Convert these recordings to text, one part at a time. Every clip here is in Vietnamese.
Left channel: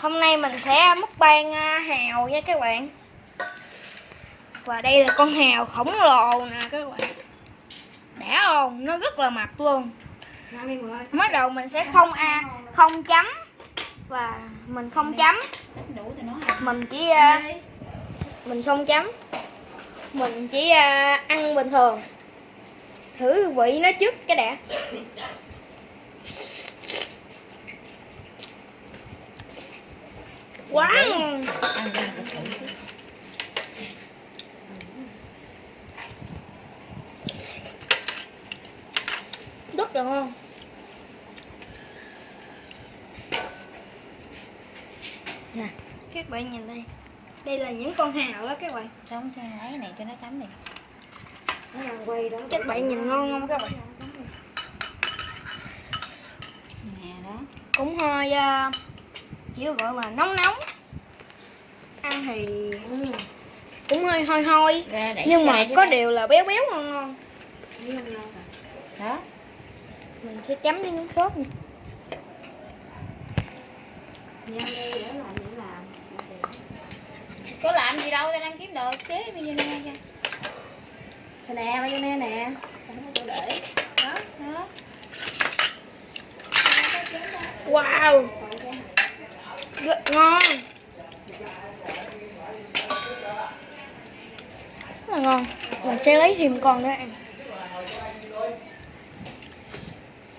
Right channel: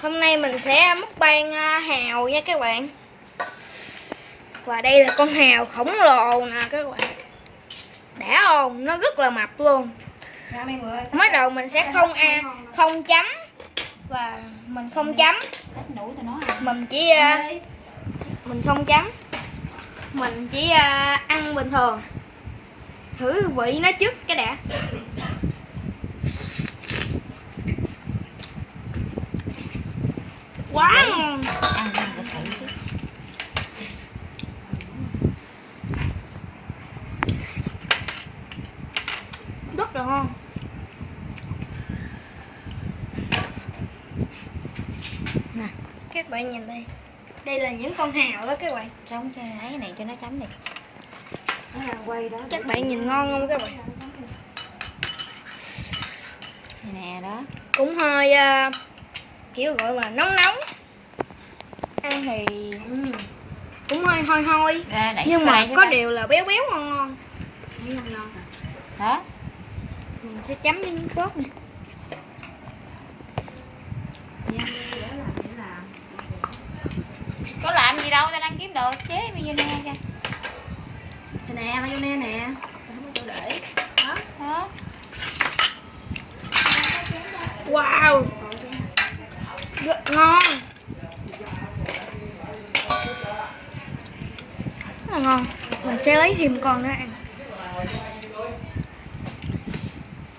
Hôm nay mình sẽ mukbang hào nha các bạn. Và đây là con hào khổng lồ nè các bạn. Đã không? Nó rất là mập luôn. Mới đầu mình sẽ không chấm. Và mình không chấm. Mình chỉ mình không chấm. Mình chỉ ăn bình thường. Thử vị nó trước cái đã. Quá ngon. Rất là ngon. Nè, các bạn nhìn đây. Đây là những con hào đó các bạn. Sống cho ấy này cho nó chấm đi. Các bạn nhìn ngon không các bạn? Nè đó. Cũng hơi kiểu gọi là nóng nóng. Ăn thì cũng hơi hôi hôi. Nhưng mà có điều là béo béo ngon ngon. Đó. Mình sẽ chấm với nước sốt này. Có làm gì đâu, tao đang kiếm đồ chế mayonnaise kìa. Nè, mayonnaise nè. Không có để. Đó. Đó. Wow. Rất ngon. Rất là ngon. Mình sẽ lấy thêm con nữa ăn.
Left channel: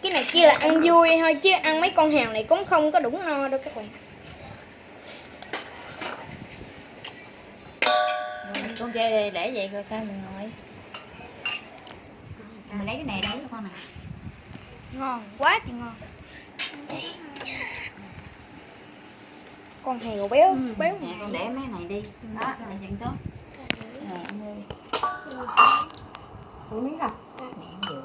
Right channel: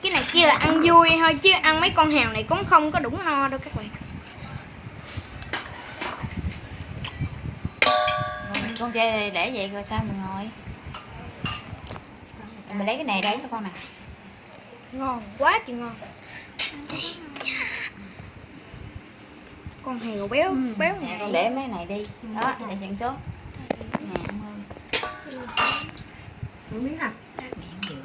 Cái này chỉ là ăn vui thôi chứ ăn mấy con hào này cũng không có đủ no đâu các bạn. Con chơi để vậy rồi sao mình ngồi. Mình lấy cái này đấy cho con nè. Ngon quá chị ngon. Con heo béo béo Nè, con để mấy này đi. Đó, cái này chân tốt. Nè, 50. Một miếng nào. Miệng vừa.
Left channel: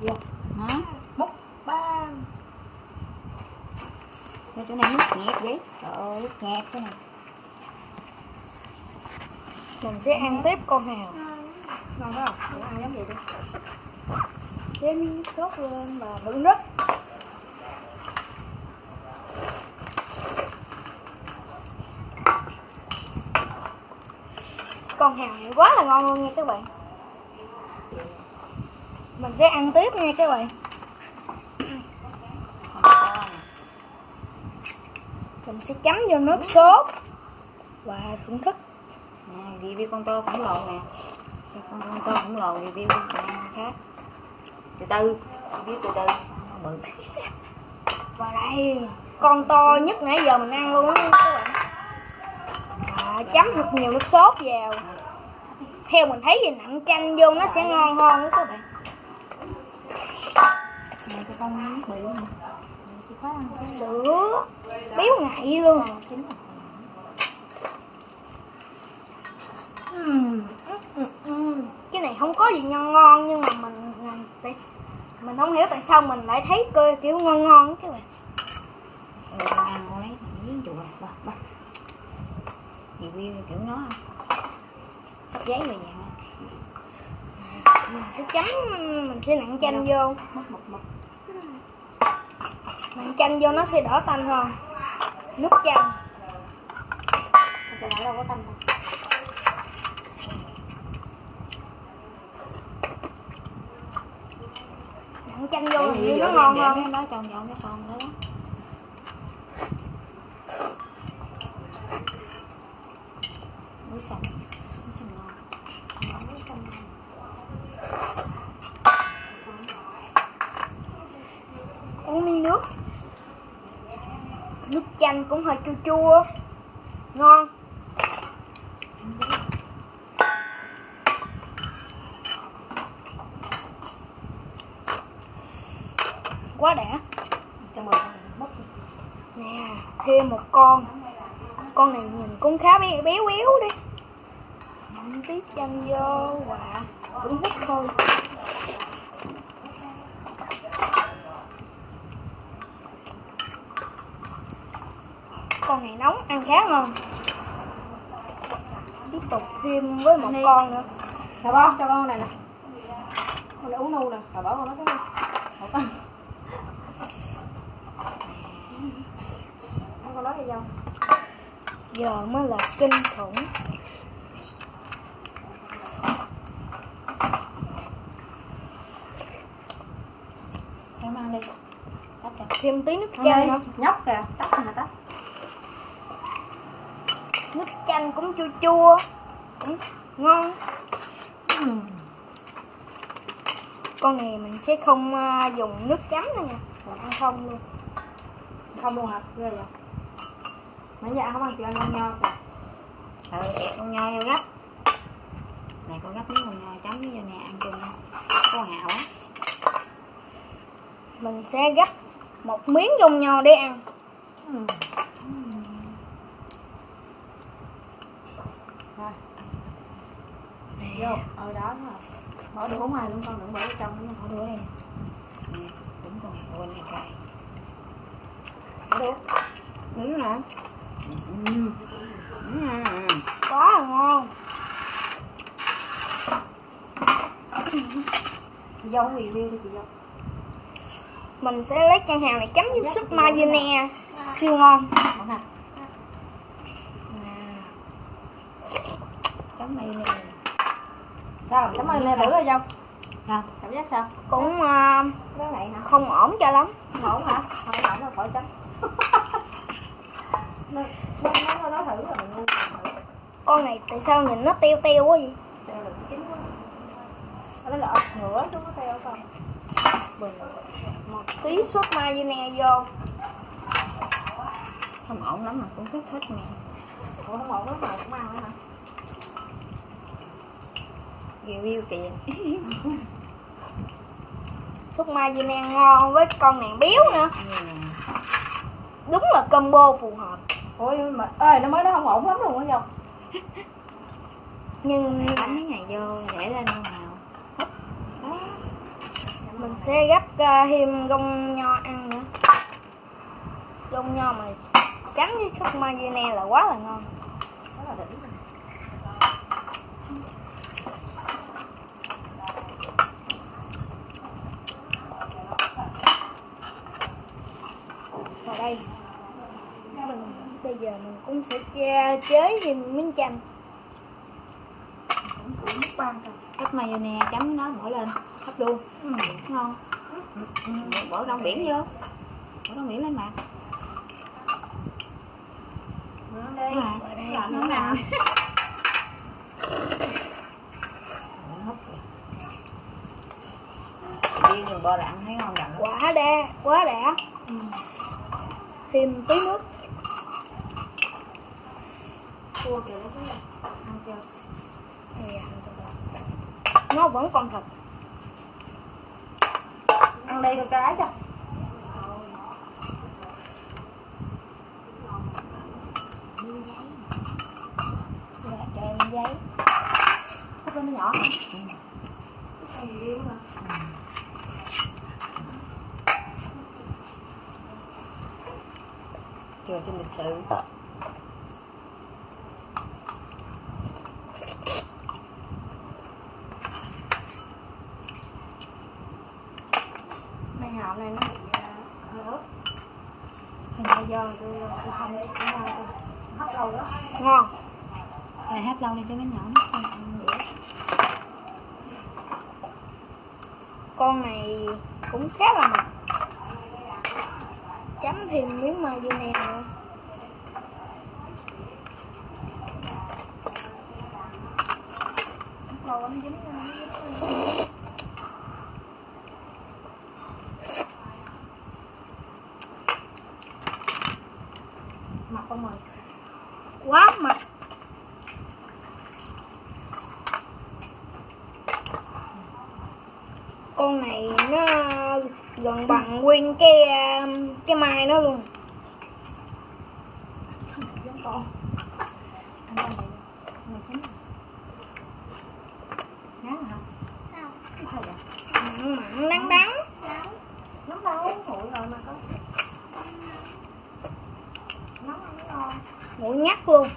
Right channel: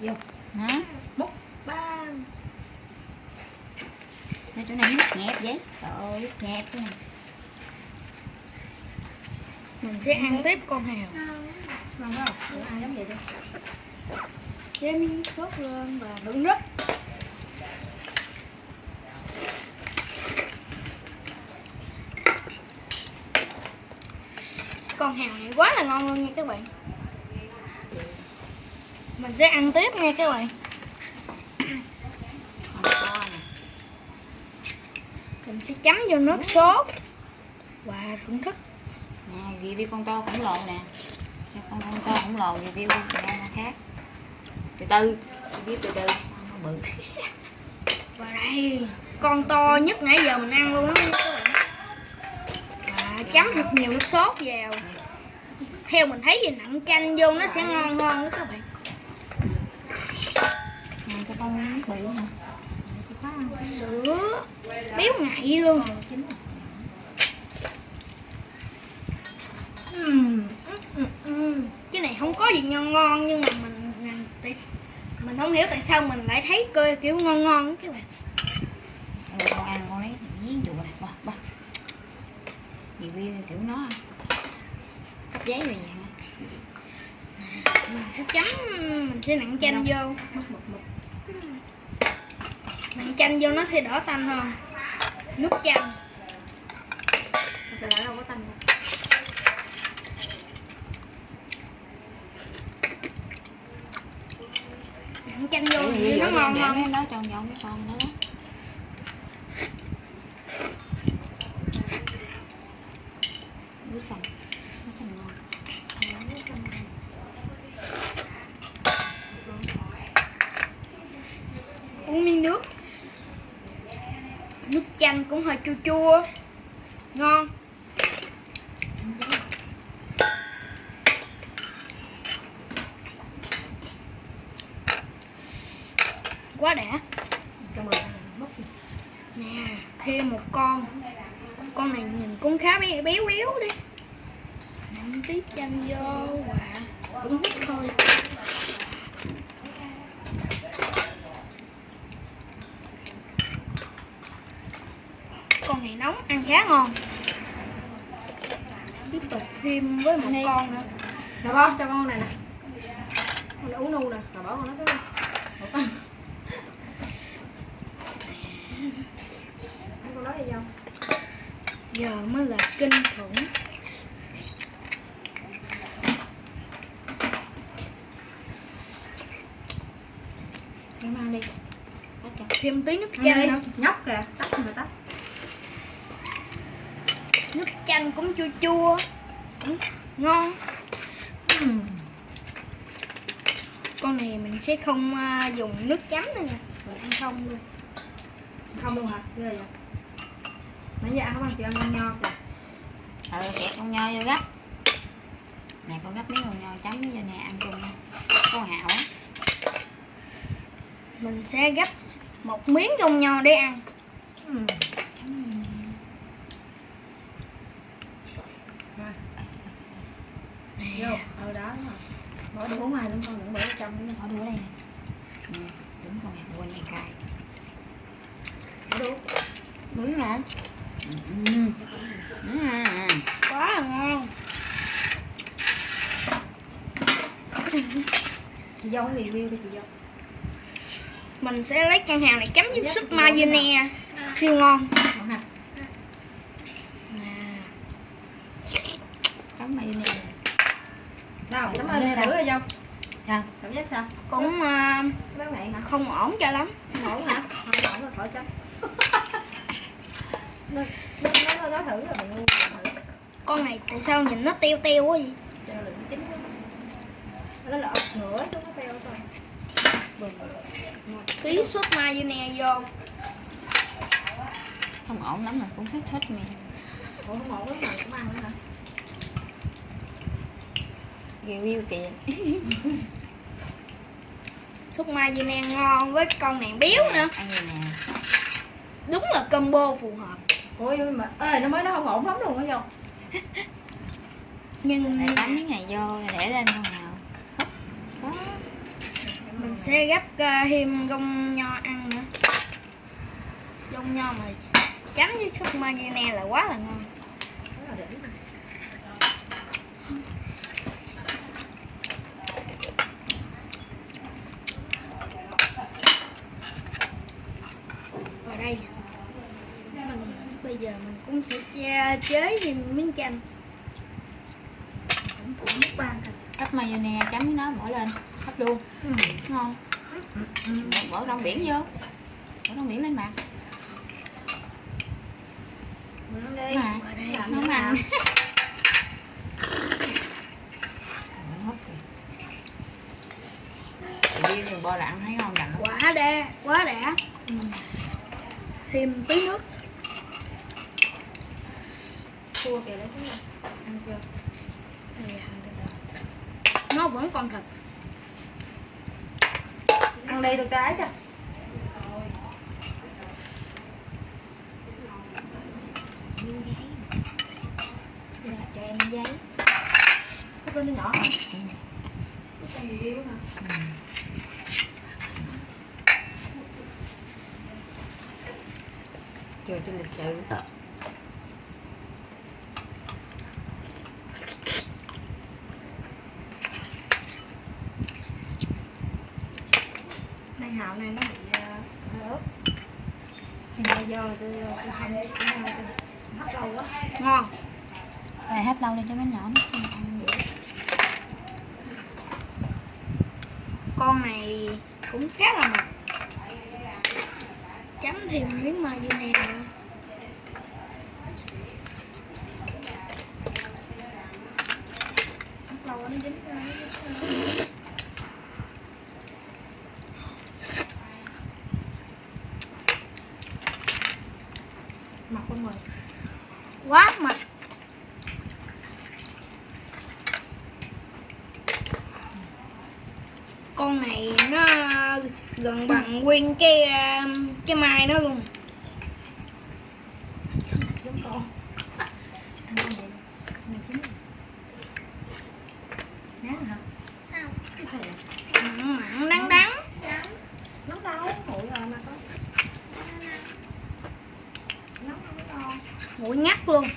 Vô. Đó. Múc bang. Cho chỗ này nước nhẹp vậy. Trời ơi, nước nhẹp thế này. Mình sẽ ăn tiếp con hào. Ngon không? Để ăn giống vậy đi. Chế miếng sốt lên và đựng nước. Con hào này quá là ngon luôn nha các bạn. Mình sẽ ăn tiếp nha các bạn. Mình sẽ chấm vô nước sốt và thưởng thức. Nè, review con to khổng lồ nè. Con to khổng lồ review khác. Từ từ, review từ từ. Bự. Và đây, con to nhất nãy giờ mình ăn luôn á các bạn. Và chấm thật nhiều nước sốt vào. Theo mình thấy thì nặn chanh vô nó sẽ ngon hơn đó các bạn. Này cho con nước bự hả? Sữa béo ngậy luôn. Cái này không có gì ngon ngon nhưng mà mình không hiểu tại sao mình lại thấy kiểu ngon ngon các bạn. Con ăn con ấy giếng chùa nè, ba. Review kiểu nó cắt giấy rồi dạng. Mình sẽ chấm, mình sẽ nặn chanh vô. Nặn chanh vô nó sẽ đỡ tanh hơn. Nước chanh. Cái này đâu có tanh đâu. Nặn chanh vô thì nó ngon hơn. Nó tròn tròn cái con nữa đó. Muối xong. Muối xong ngon. Uống miếng nước. Nước chanh cũng hơi chua chua. Ngon. Quá đã. Nè, thêm một con. Con này nhìn cũng khá béo béo đi. Nặn tí chanh vô và thưởng thức thôi. Con này nóng ăn khá ngon. Tiếp tục thêm với một con nữa. Cho con này nè. ú nu nè, bà bỏ con nó xuống đi. Ủa con. Ăn con đó đi vô. Giờ mới là kinh khủng. Em ăn đi. Tắt cho. Thêm tí nước Ăn chanh đi. nữa. Nhóc kìa, tắt mà tắt. Nước chanh cũng chua chua, cũng ngon. Con này mình sẽ không dùng nước chấm nữa nha, mình ăn không luôn. Không luôn hả? Ghê vậy. Nãy giờ ăn không ăn chị ăn con nho kìa. Con nho vô gấp. Này con gấp miếng con nho chấm với nè ăn chung có hảo á. Mình sẽ gấp một miếng dông nho để ăn. Rồi. Vô, đó đúng rồi. Bỏ đũa ngoài luôn con, đừng bỏ vào trong nữa. Bỏ đũa đây nè. Nè, đúng con này, quên này cay. Bỏ đũa. Đúng nè. Quá là ngon. Chị dâu review đi chị dâu. Mình sẽ lấy con hào này chấm với súp mayonnaise, siêu ngon. Ngon hả? Chấm mayonnaise. Sao? Cảm ơn nè thử rồi dâu. Sao? Cảm giác sao? Cũng Cái này hả? không ổn cho lắm. Không ổn hả? Không ổn rồi khỏi chấm. Nó nói thử rồi mình ngu. Con này tại sao nhìn nó teo teo quá vậy? Teo là chín quá. Nó là ập ngửa xuống nó teo con. Một tí sốt mayonnaise vô. Không ổn lắm mà cũng thích nè. Ủa không ổn lắm mà cũng ăn nữa hả? Review kìa. Sốt mayonnaise ngon với con này béo nữa. Ăn gì nè. Đúng là combo phù hợp. Ôi mà ơi nó mới nó không ổn lắm luôn á dâu. Nhưng Này bấm miếng này vô để lên không nào. Đó. mình sẽ gấp thêm gông nho ăn nữa. Gông nho mà chấm với sốt mayonnaise là quá là ngon. Đó là đỉnh. Vào đây bây giờ mình cũng sẽ chế thêm miếng chanh. Cũng nước ban thôi. Gấp mayonnaise chấm với nó bỏ lên. Gấp luôn. Ngon. Bỏ rong biển vô. Bỏ rong biển lên mặt. Ăn đi. Vào đây Làm Nướng nữa ăn. nào. Riêng đừng bo đạn thấy ngon đậm. Quá đã. Thêm tí nước. Chua kìa lấy xuống đây. Ăn chưa? Nó vẫn còn thịt. Ăn đi được trái chưa? Miếng giấy. Dạ, cho em giấy. Hấp lên nó nhỏ hả? Cái gì yêu hả? Chưa trên lịch sử. Này hào này nó bị hơi ớt. Bây giờ tôi ăn đi, hấp lâu quá. Ngon. Này hấp lâu đi cho miếng nhỏ nó không ăn được. Con này cũng khá là mập. Chấm thêm miếng mayonnaise nữa. Hấp lâu quá nó dính ra. Mập không rồi. Quá mập. Con này nó gần bằng nguyên cái mai nó luôn. Giống con. Ăn con này. Này chín rồi. Ngán hả? Không. Cái sao vậy? Mặn mặn đắng đắng. Nấu đâu? Nguội rồi mà có. Nấu ăn mới ngon. Nguội ngắt luôn.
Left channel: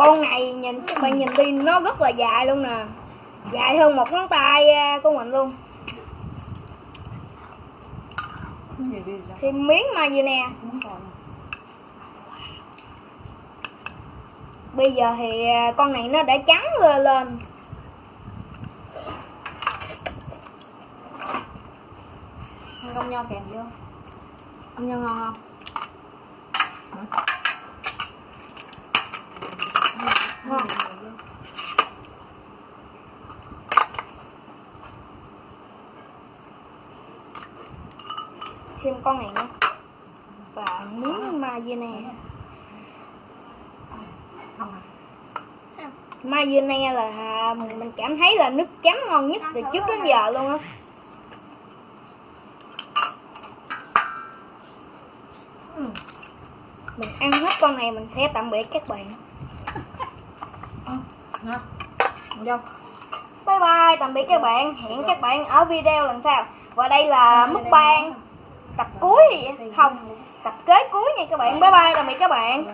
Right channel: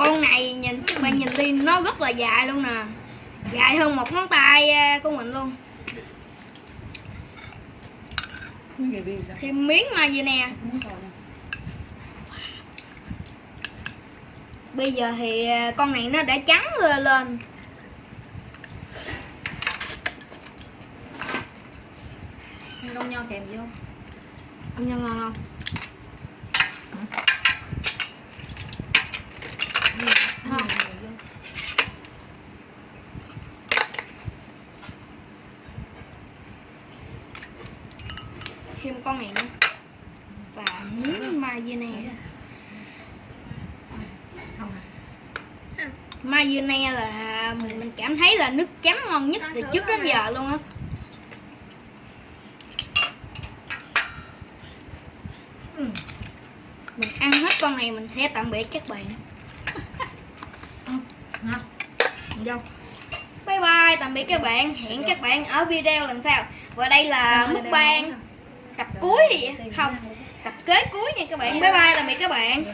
Con này nhìn các bạn nhìn đi nó rất là dài luôn nè, dài hơn một ngón tay của mình luôn. Review sao? Thêm miếng mayonnaise. Muốn coi nè. Bây giờ thì con này nó đã trắng lên. Ăn công nho kèm vô. Ăn nho ngon không? Thêm con này nữa và miếng mayonnaise. Không à? Mayonnaise là mình cảm thấy là nước chấm ngon nhất từ trước đến giờ luôn á. Mình ăn hết con này mình sẽ tạm biệt các bạn. Ngon. Vô. Bye bye, tạm biệt các bạn. Hẹn các bạn ở video lần sau. Và đây là mukbang tập cuối gì vậy? Không, tập kế cuối nha các bạn. Bye bye, tạm biệt các bạn.